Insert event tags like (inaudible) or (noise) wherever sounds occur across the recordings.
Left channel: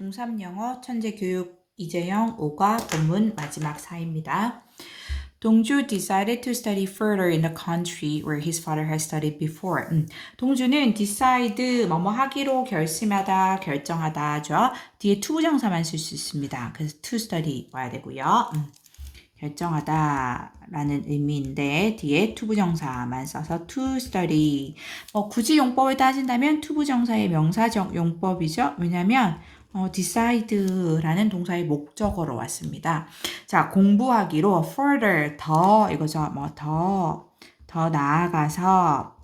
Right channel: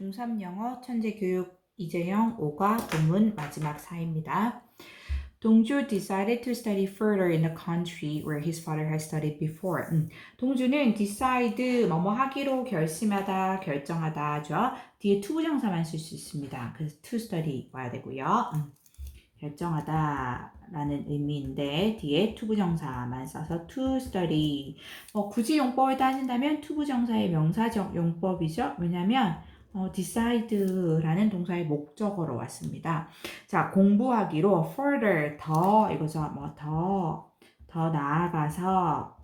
중3 영어 천재 교육 이재영 5과 본문 마지막 사입니다. 동주 decided to study further in the country where his father had studied before. 음, 동주는 decide 뭐뭐 하기로 결심하다, 결정하다죠. 뒤에 to 부정사만 쓸 수 있습니다. 그래서 to study 와야 되고요. 음, 결정하다라는 의미인데 뒤에 to 부정사만 써서 to study. 뭐 굳이 용법을 따진다면 to 부정사의 명사적 용법이죠. 왜냐하면 어, decide라는 동사의 목적어로 왔습니다. 자, 공부하기로 further 더 이거죠. 뭐 더 더 나아가서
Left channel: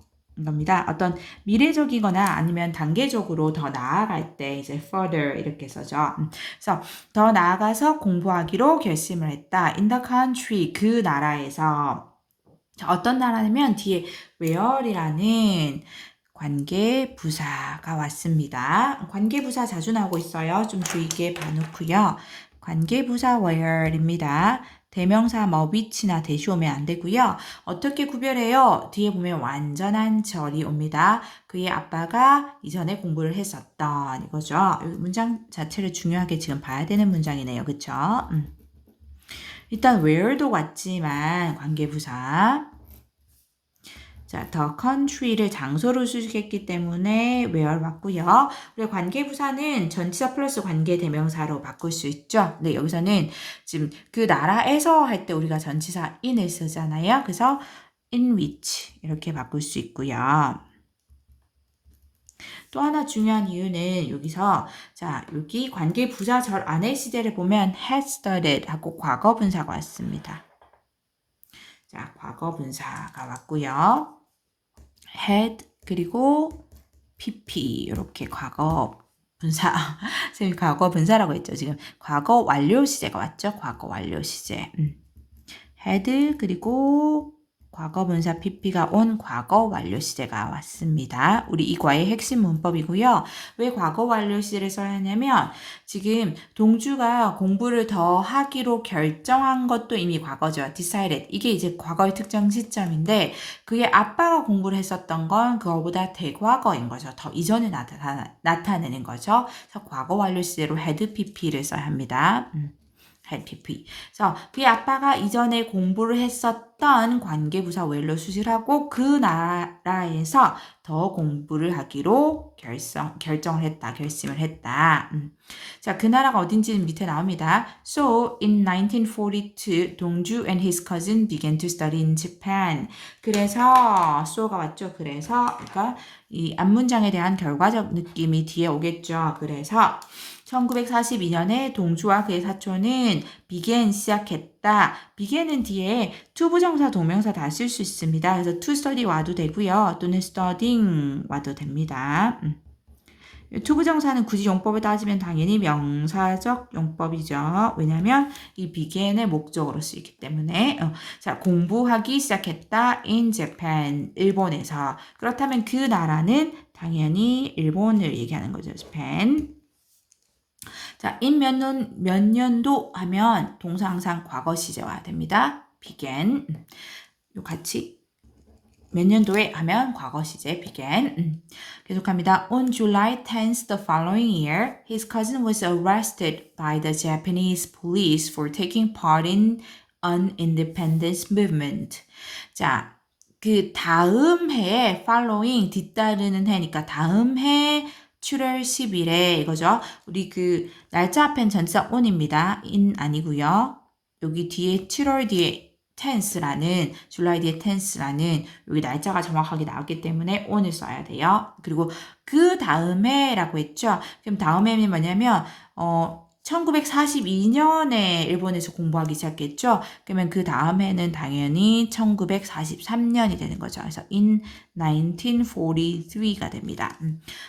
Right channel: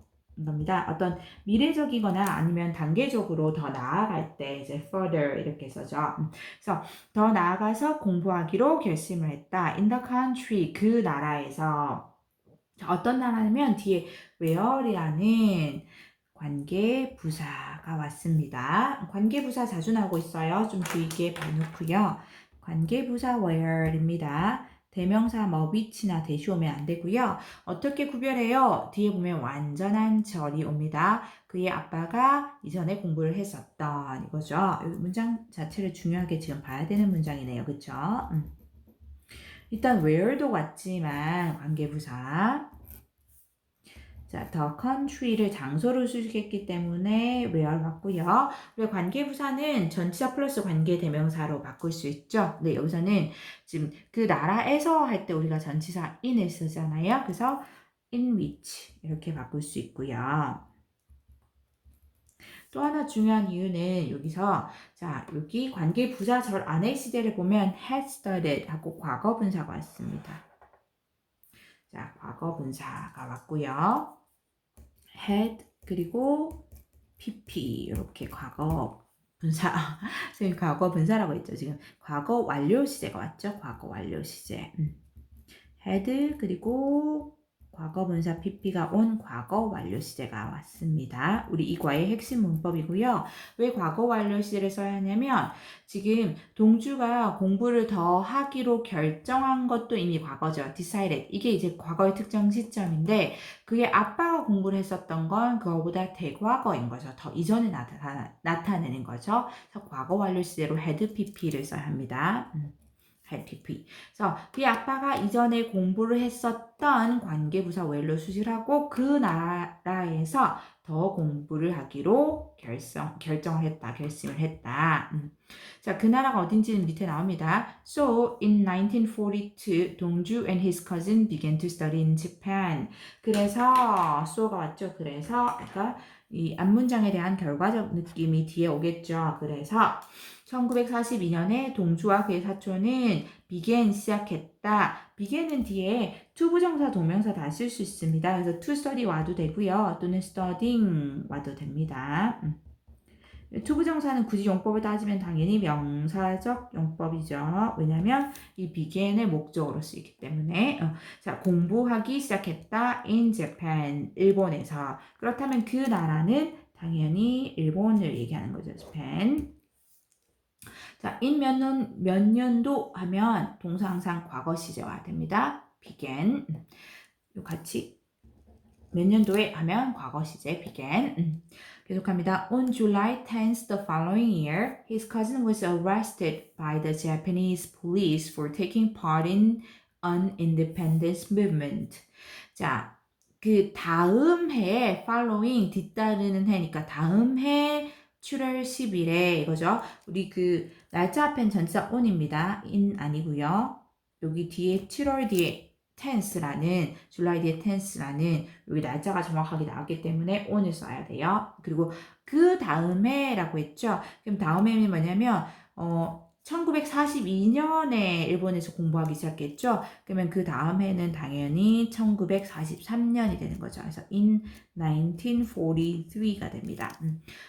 겁니다. 어떤 미래적이거나 아니면 단계적으로 더 나아갈 때 이제 further 이렇게 써죠. 음, 그래서 더 나아가서 공부하기로 결심을 했다. in the country 그 나라에서 자, 어떤 나라냐면 뒤에 where이라는 관계 부사가 왔습니다. 관계 부사 자주 나오고 있어요. 좀 주의 있게 봐놓고요. 관계 부사 where입니다. 대명사 뭐 which나 대시 오면 안 되고요. 어떻게 구별해요? 뒤에 보면 완전한 절이 옵니다. 그의 아빠가 이전에 공부를 했었던 이거죠. 이 문장 자체를 중요하게 지금 봐야 되는 문장이네요. 그쵸? 음. 일단 where도 왔지만 관계부사 자, the country를 장소로 수식했기 때문에 where 맞고요. 그리고 관계부사는 전치사 플러스 관계 대명사로 바꿀 수 있죠. 근데 여기서는 지금 그 나라에서 할 때 우리가 전치사 in을 쓰잖아요. 그래서 in which 이렇게 바꿀 수 있고요. 또 하나 중요한 이유는 여기서 자 여기 관계 부사절 안의 시제를 보면 had studied 하고 과거 분사가 왔습니다. 자 과거 분사가 왔고요. Had 그리고 pp 이렇게 과거 분사 (laughs) 선생님 과거 분사라고 했죠. 지금 과거 완료 시제가 왔죠? 과거 완료 시제. 음. had 그리고 과거 분사 pp가 온 과거 완료 시제가 왔습니다. 우리 이 과의 핵심 문법이고요. 왜 과거 완료 시제를 써야 하냐면 지금 동주가 공부를 더 하기로 결정한 것도 이미 과거죠. decided. 이게 이제 과거의 특정 시점인데 그의 아빠가 공부를 했었던 건 그거보다 대과거인 거죠. 더 이전에 나타, 나타내는 거죠. 그래서 과거 완료 시제로 had pp를 써야 합니다. 음. Had pp. 그래서 그의 아빠가 이전에 공부를 했었던 관계부사 웰로 수실하고 그 나라에서 더 공부를 하기로 결성, 결정을 했다, 결심을 했다. 음. 자, 그 나라가 어딘지는 밑에 나옵니다. So, in 1942, 동주 and his cousin began to study in Japan. 그래서, so가 왔죠. 그래서, 그러니까 이 앞문장에 대한 결과적 느낌이 뒤에 오겠죠. 그래서, 1942년에 동주와 그의 사촌은 began 시작했다. began은 뒤에 to 부정사 동명사 다 쓸 수 있습니다. 그래서 study 와도 되고요. 또는 studying 와도 됩니다. 음. to 부정사는 굳이 용법을 따지면 당연히 명사적 용법이죠. 왜냐하면 이 began의 목적으로 쓰이기 때문에 어. 자 공부하기 시작했다 in Japan 일본에서 그렇다면 그 나라는 당연히 일본을 얘기하는 거죠. Japan 자, in 몇, 년, 몇 년도 하면 동사 항상 과거 시제 와야 됩니다. began. 요 같이 몇 년도에 하면 과거 시제 began. 계속합니다. On July 10th the following year, his cousin was arrested by the Japanese police for taking part in an independence movement. 자, 그 다음 해에 following 뒤따르는 해니까 다음 해 7월 10일에 이거죠. 우리 그 날짜 앞엔 전치사 on입니다. in 아니고요. 여기 뒤에 7월 뒤에 tense라는 줄라이 뒤에 tense라는 여기 날짜가 정확하게 나왔기 때문에 on을 써야 돼요. 그리고 그 다음에라고 했죠. 그럼 다음에는 뭐냐면 어 1942년에 일본에서 공부하기 시작했죠. 그러면 그 다음 해는 당연히 1943년이 되는 거죠. 그래서 in 1943가 됩니다.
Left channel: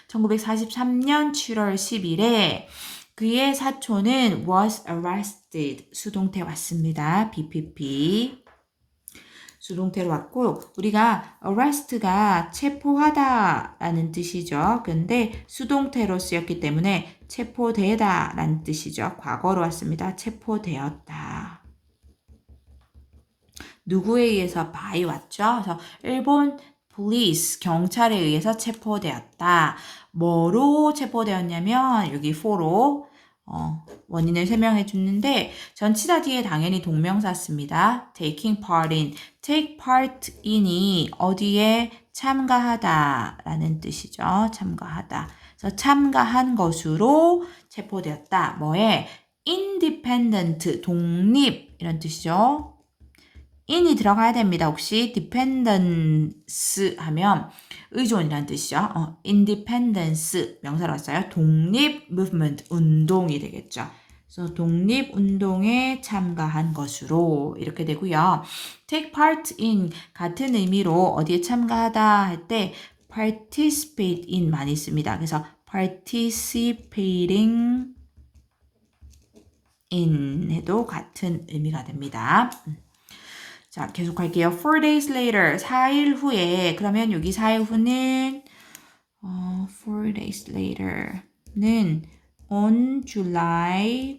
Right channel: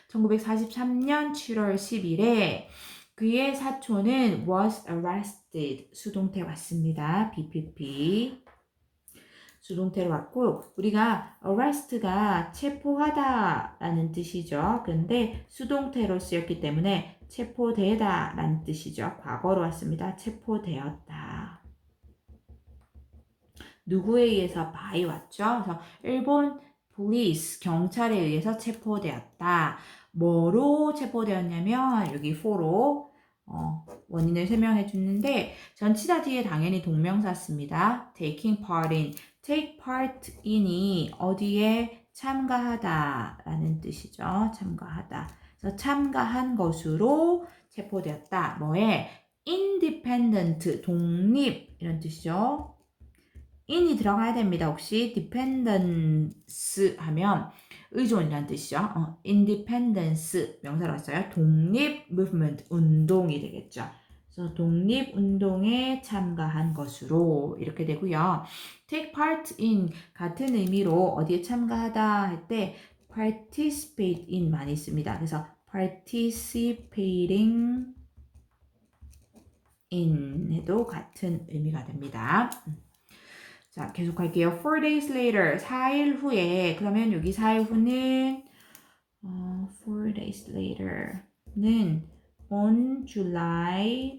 1943년 7월 10일에 그의 사촌은 was arrested 수동태 왔습니다. BPP 수동태로 왔고 우리가 arrest가 체포하다라는 뜻이죠. 근데 수동태로 쓰였기 때문에 체포되다라는 뜻이죠. 과거로 왔습니다. 체포되었다. 누구에 의해서 by 왔죠? 그래서 일본 police 경찰에 의해서 체포되었다. 뭐로 체포되었냐면 여기 for로 어, 원인을 설명해 주는데 전치사 뒤에 당연히 동명사 씁니다. taking part in, take part in이 어디에 참가하다 라는 뜻이죠. 참가하다. 그래서 참가한 것으로 체포되었다. 뭐에? independent, 독립 이런 뜻이죠. In이 들어가야 됩니다. 혹시 dependence 하면 의존이라는 뜻이죠. 어, independence 명사로 왔어요. 독립 movement 운동이 되겠죠. 그래서 독립 운동에 참가한 것으로 이렇게 되고요. take part in 같은 의미로 어디에 참가하다 할 때 participate in 많이 씁니다. 그래서 participating in 해도 같은 의미가 됩니다. 자, 계속 할게요. Four days later, 4일 후에, 그러면 여기 4일 후는, 어, four days later는 on July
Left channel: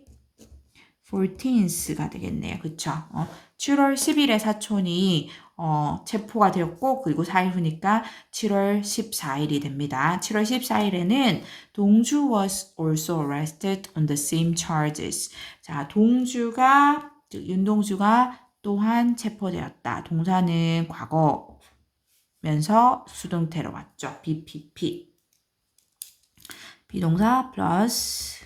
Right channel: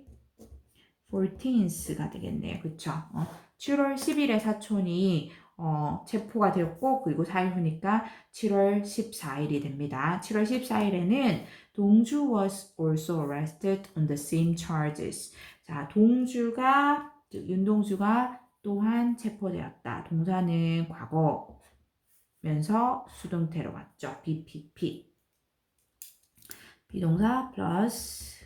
14th가 되겠네요. 그쵸? 어, 7월 10일에 사촌이 어, 체포가 되었고, 그리고 4일 후니까 7월 14일이 됩니다. 7월 14일에는 동주 was also arrested on the same charges. 자, 동주가, 즉, 윤동주가 또한 체포되었다. 동사는 과거면서 수동태로 왔죠. BPP. 비동사 플러스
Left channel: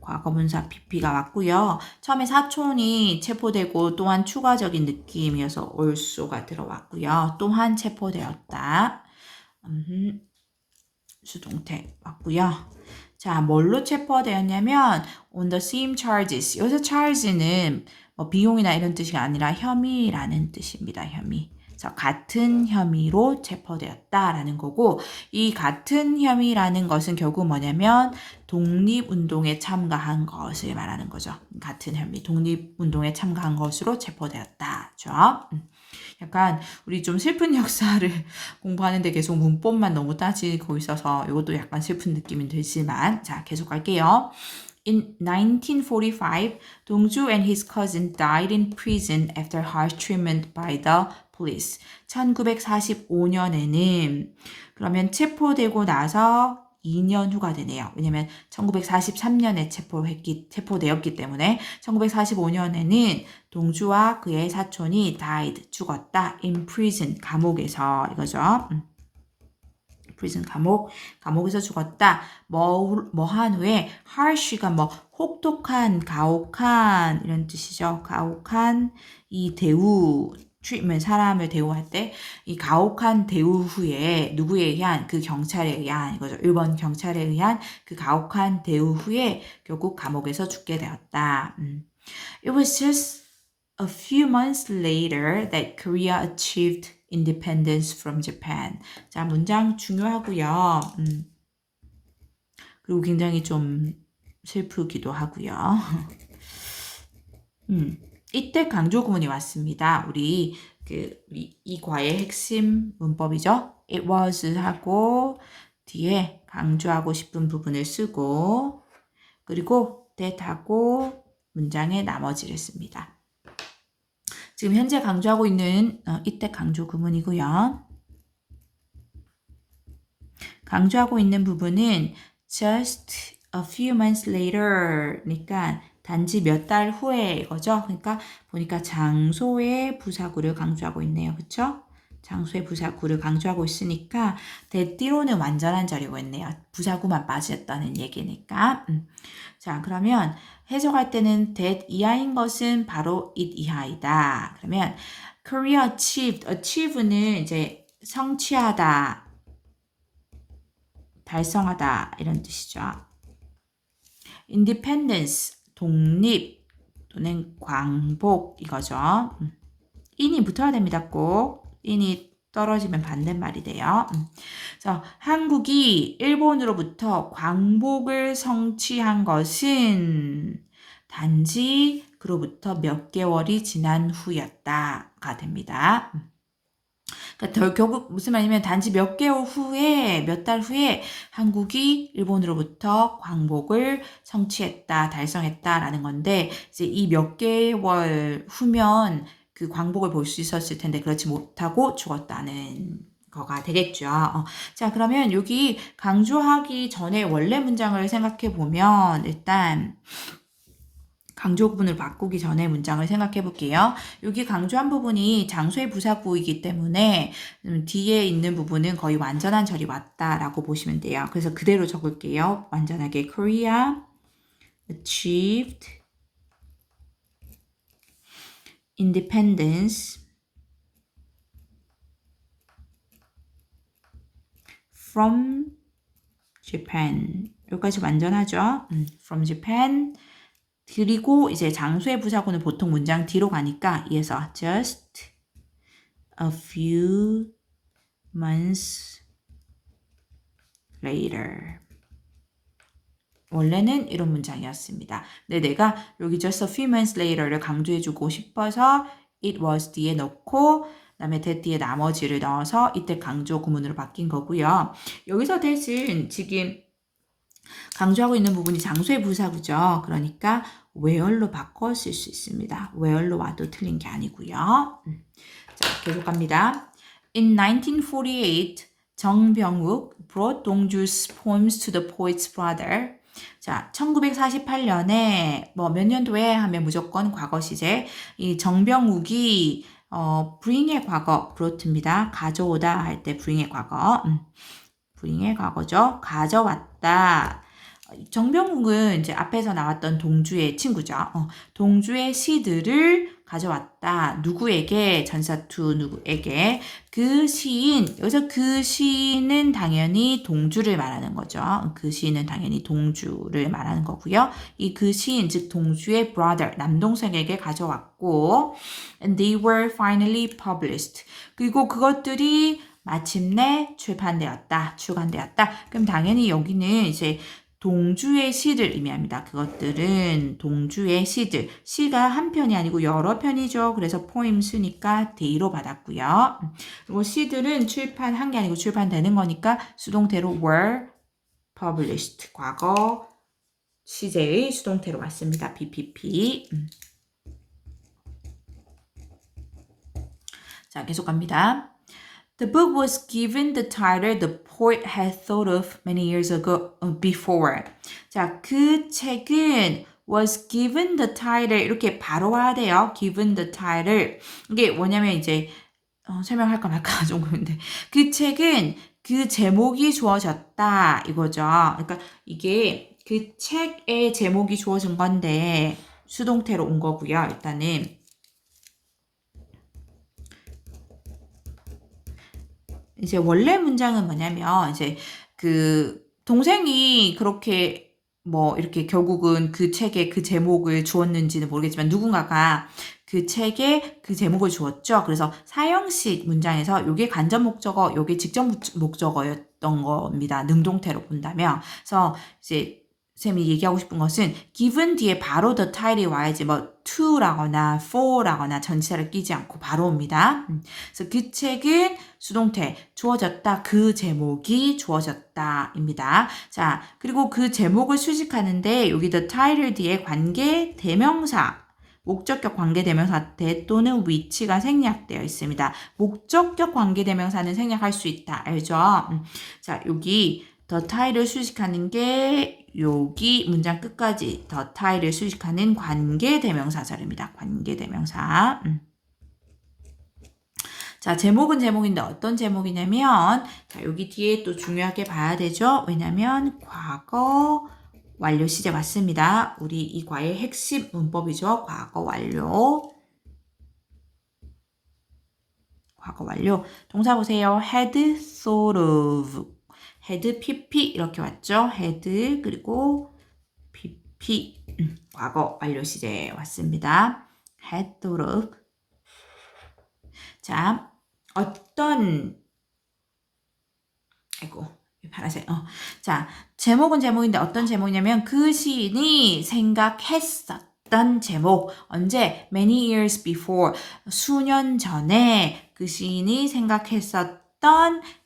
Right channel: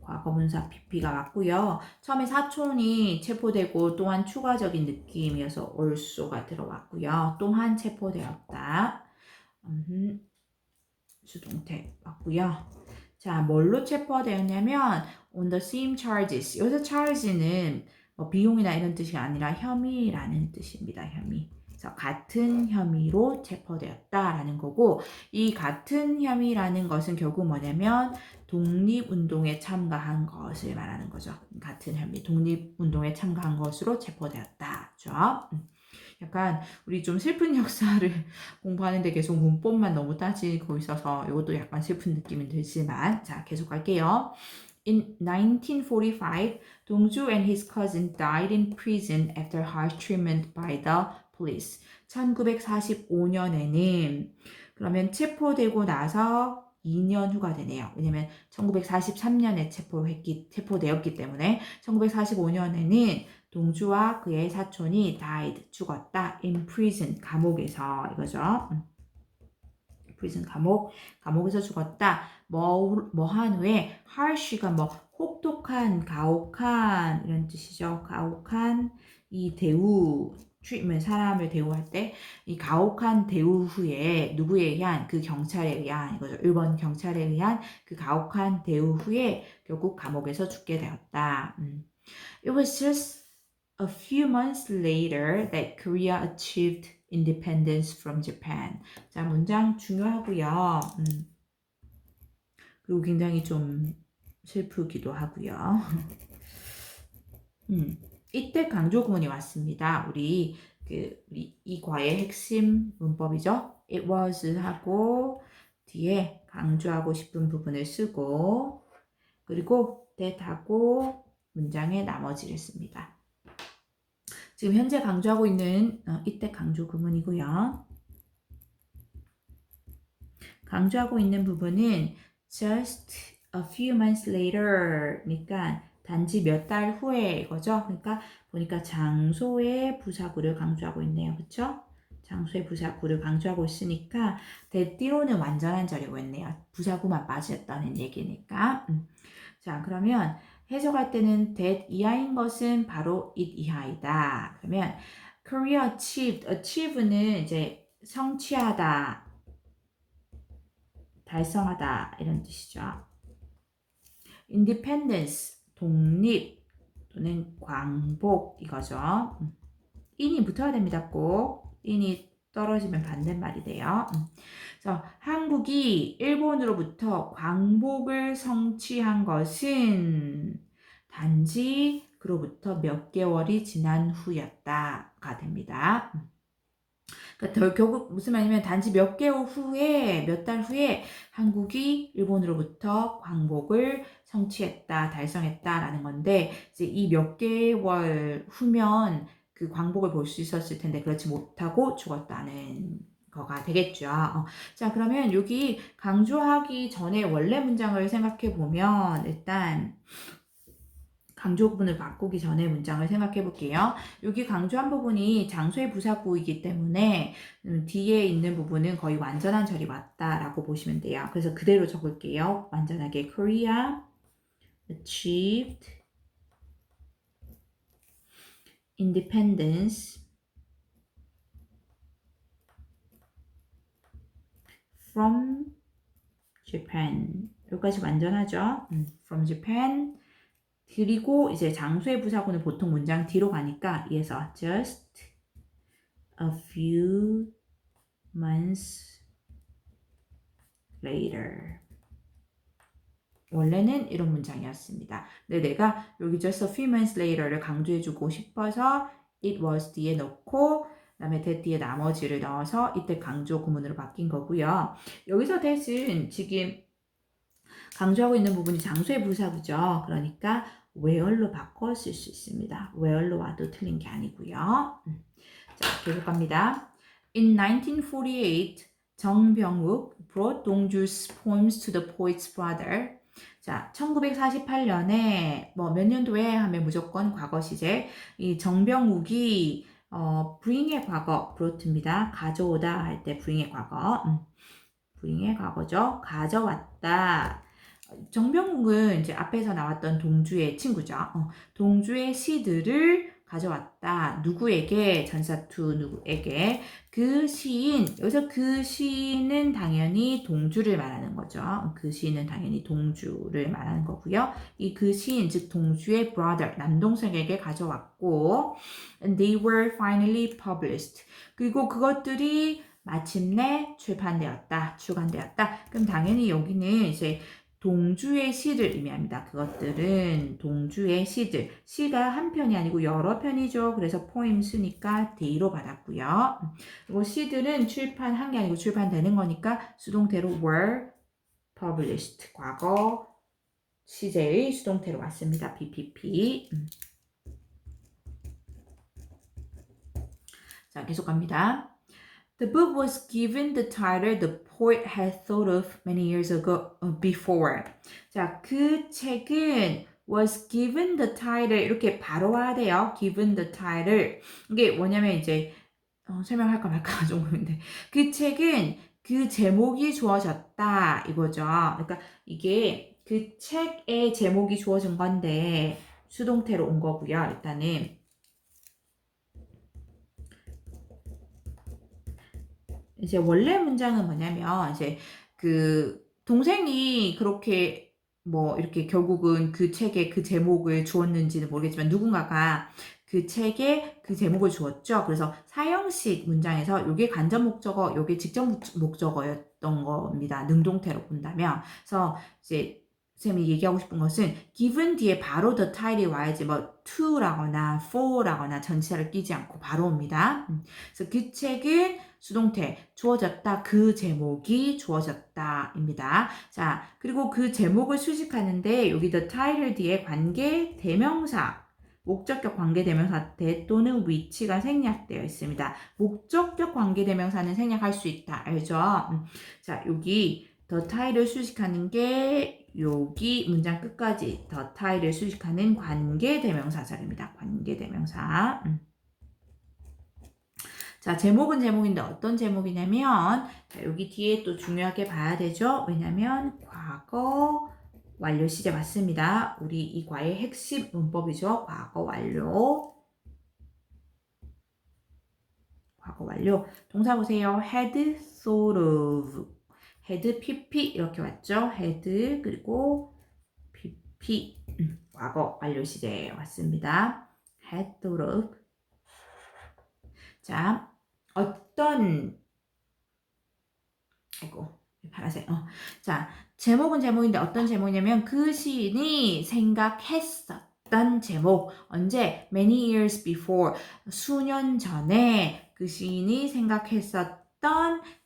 과거분사 PP가 왔고요. 처음에 사촌이 체포되고 또한 추가적인 느낌이어서 also가 들어왔고요. 또한 체포되었다. 음, 수동태 왔고요. 자, 뭘로 체포되었냐면 on the same charges. 여기서 charges는 뭐 비용이나 이런 뜻이 아니라 혐의라는 뜻입니다. 혐의. 그래서 같은 혐의로 체포되었다라는 거고 이 같은 혐의라는 것은 결국 뭐냐면 독립운동에 참가한 것을 말하는 거죠. 같은 혐의, 독립운동에 참가한 것으로 체포되었다죠. 음. 약간 우리 좀 슬픈 (laughs) 역사를 공부하는데 계속 문법만 너무 따지고 있어서 이것도 약간 슬픈 느낌이 들지만 자 계속 갈게요. In 1945, Dongju and his cousin died in prison after harsh treatment by the police. 1945년에는 그러면 체포되고 나서 2년 후가 되네요. 왜냐면 1943년에 체포했기, 체포되었기 때문에 1945년에는 동주와 그의 사촌이 died, 죽었다. in prison, 감옥에서 이거죠. 음. Prison 감옥, 감옥에서 죽었다. 뭐, 뭐한 후에 harsh가 뭐 혹독한, 가혹한 이런 뜻이죠. 가혹한 이 대우, treatment, 사람을 대우할 때 이 가혹한 대우 후에 누구에 의한 그 경찰에 의한 이거죠. 일본 경찰에 의한 그 가혹한 대우 후에 결국 감옥에서 죽게 되었다. 음. It was just a few months later that Korea achieved independence from Japan. 자, 문장 중요하고요. 음. 그리고 굉장히 좀 슬프기도 하고요. (laughs) 음. 이때 강조 구문이 왔습니다. 우리 그 우리 이 과의 핵심 문법이죠. It was 하고 뒤에 강조하고 싶은 부분을 쓰고 그리고 that 하고 문장의 나머지를 씁니다. 지금 현재 강조하고 있는 어, 이때 강조 구문이고요. 강조하고 있는 부분은 just a few months later니까 단지 몇 달 후에 이거죠. 그러니까 보니까 장소의 부사구를 강조하고 있네요. 그쵸? 장소의 부사구를 강조하고 있으니까 대띠로는 완전한 자료가 있네요. 부사구만 빠졌다는 얘기니까. 음. 자, 그러면 해석할 때는 that 이하인 것은 바로 it 이하이다. 그러면 Korea achieved, achieve는 이제 성취하다, 달성하다 이런 뜻이죠. independence 독립 또는 광복 이거죠. 인이 붙어야 됩니다. 꼭 인이 떨어지면 반대말이 돼요. 그래서 한국이 일본으로부터 광복을 성취한 것은 단지 그로부터 몇 개월이 지난 후였다가 됩니다. 그러니까 결국 무슨 말이냐면 단지 몇 개월 후에 몇 달 후에 한국이 일본으로부터 광복을 성취했다, 달성했다라는 건데 이제 이 몇 개월 후면 그 광복을 볼 수 있었을 텐데 그렇지 못하고 죽었다는 거가 되겠죠. 어, 자, 그러면 여기 강조하기 전에 원래 문장을 생각해 보면 일단 강조 부분을 바꾸기 전에 문장을 생각해 볼게요. 여기 강조한 부분이 장소의 부사구이기 때문에 음, 뒤에 있는 부분은 거의 완전한 절이 왔다라고 보시면 돼요. 그래서 그대로 적을게요. 완전하게 Korea achieved independence from Japan. 여기까지 완전하죠? 음, from Japan. 그리고 이제 장소의 부사구는 보통 문장 뒤로 가니까 이에서 just a few months later. 원래는 이런 문장이었습니다. 근데 내가 여기 just a few months later를 강조해주고 싶어서 it was 뒤에 넣고 그다음에 that 뒤에 나머지를 넣어서 이때 강조 구문으로 바뀐 거고요. 여기서 대신 지금 강조하고 있는 부분이 장소의 부사구죠. 그러니까 where로 바꿔 쓸 수 있습니다. where로 와도 틀린 게 아니고요. 음. 자, 계속 갑니다. In 1948, 정병욱 brought 동주's poems to the poet's brother. 자, 1948년에 뭐 몇 년도에 하면 무조건 과거 시제. 이 정병욱이 어, bring의 과거 brought,입니다. 가져오다 할때 bring의 과거. 음. bring의 과거죠. 가져왔다. 정병욱은 이제 앞에서 나왔던 동주의 친구죠. 어, 동주의 시들을 가져왔다. 누구에게? 전사투 누구에게? 그 시인, 여기서 그 시인은 당연히 동주를 말하는 거죠. 그 시인은 당연히 동주를 말하는 거고요. 이 그 시인, 즉 동주의 brother, 남동생에게 가져왔고, and they were finally published. 그리고 그것들이 마침내 출판되었다, 출간되었다. 그럼 당연히 여기는 이제 동주의 시를 의미합니다. 그것들은 동주의 시들. 시가 한 편이 아니고 여러 편이죠. 그래서 포임 수니까 데이로 받았고요. 그리고 시들은 출판한 게 아니고 출판되는 거니까 수동태로 were published. 과거 시제의 수동태로 왔습니다. BPP. 음. 자, 계속 갑니다. The book was given the title the poet had thought of many years ago before. 자, 그 책은 was given the title 이렇게 바로 와야 돼요. given the title. 이게 뭐냐면 이제 어, 설명할까 말까 좀 그런데 그 책은 그 제목이 주어졌다 이거죠. 그러니까 이게 그 책의 제목이 주어진 건데 수동태로 온 거고요. 일단은 이제 원래 문장은 뭐냐면 이제 그 동생이 그렇게 뭐 이렇게 결국은 그 책에 그 제목을 주었는지는 모르겠지만 누군가가 그 책에 그 제목을 주었죠. 그래서 사형식 문장에서 요게 간접 목적어, 요게 직접 목적어였던 겁니다. 능동태로 본다면. 그래서 이제 쌤이 얘기하고 싶은 것은 given 뒤에 바로 the title이 와야지 뭐 to라거나 for라거나 전치사를 끼지 않고 바로 옵니다. 음. 그래서 그 책은 수동태 주어졌다 그 제목이 주어졌다입니다. 자 그리고 그 제목을 수식하는데 여기 the title 뒤에 관계 대명사 목적격 관계대명사 대 또는 위치가 생략되어 있습니다. 목적격 관계대명사는 생략할 수 있다. 알죠? 음. 자, 여기 더 타이를 수식하는 게 여기 문장 끝까지 더 타이를 수식하는 관계 대명사 자료입니다. 관계 대명사. 음. 자, 제목은 제목인데 어떤 제목이냐면 자, 여기 뒤에 또 중요하게 봐야 되죠. 왜냐면 과거 완료 시제 맞습니다. 우리 이 과의 핵심 문법이죠. 과거 완료. 과거 완료. 동사 보세요. had thought of had pp 이렇게 왔죠. had 그리고 pp 음, 과거 완료 시제 왔습니다. of 자 어떤 아이고 파란색 어. 자 제목은 제목인데 어떤 제목이냐면 그 시인이 생각했었던 제목 언제 many years before 수년 전에 그 시인이 생각했었던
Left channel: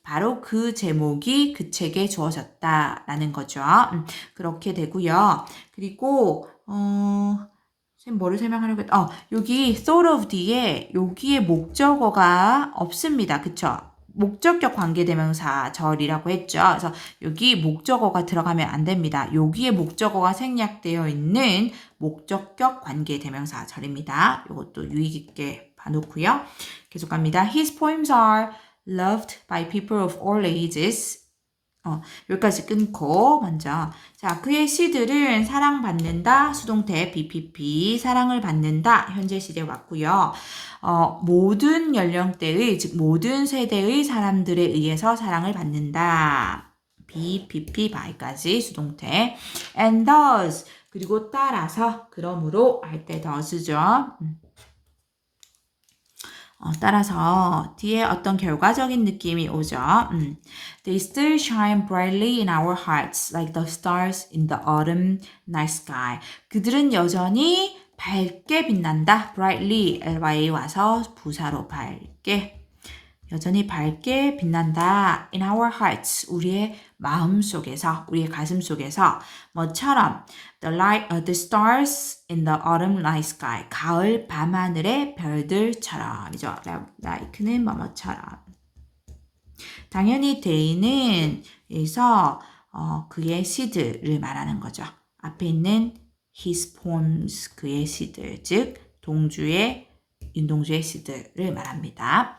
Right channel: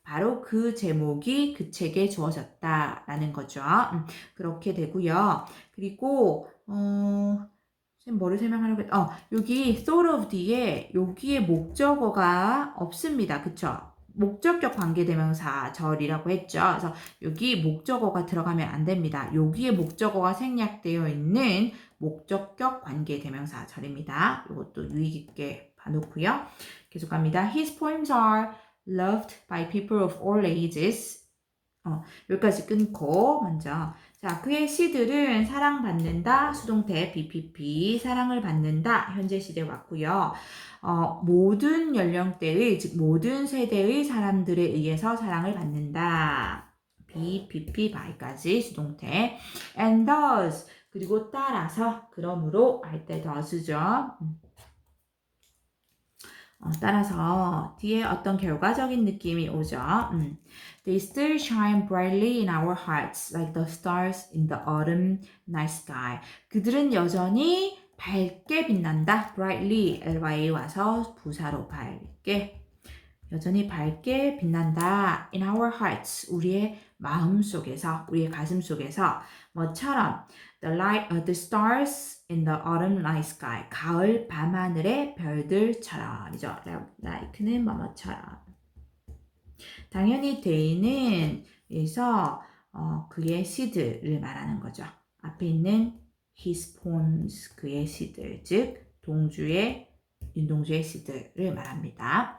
바로 그 제목이 그 책에 주어졌다라는 거죠. 음, 그렇게 되고요. 그리고 어 선생님 뭐를 설명하려고 했 어, 여기 thought of 뒤에 여기에 목적어가 없습니다. 그쵸? 목적격 관계대명사 절이라고 했죠. 그래서 여기 목적어가 들어가면 안 됩니다. 여기에 목적어가 생략되어 있는 목적격 관계대명사 절입니다. 이것도 유의 깊게 봐놓고요. 계속 갑니다. His poems are loved by people of all ages. 어, 여기까지 끊고 먼저 자 그의 시들은 사랑받는다 수동태 BPP 사랑을 받는다 현재 시제 왔고요. 어, 모든 연령대의 즉 모든 세대의 사람들에 의해서 사랑을 받는다. BPP by까지 수동태 and does 그리고 따라서 그러므로 할 때 does죠. 음. 어, 따라서 뒤에 어떤 결과적인 느낌이 오죠. 음. They still shine brightly in our hearts like the stars in the autumn night sky. 그들은 여전히 밝게 빛난다. brightly ly 와서 부사로 밝게 여전히 밝게 빛난다. in our hearts 우리의 마음 속에서 우리의 가슴 속에서 뭐처럼 the light uh, the stars in the autumn night sky 가을 밤하늘의 별들처럼이죠. like는 뭐뭐처럼 당연히 day는 에서 어, 그의 시들을 말하는 거죠. 앞에 있는 his poems 그의 시들 즉 동주의 윤동주의 시들을 말합니다.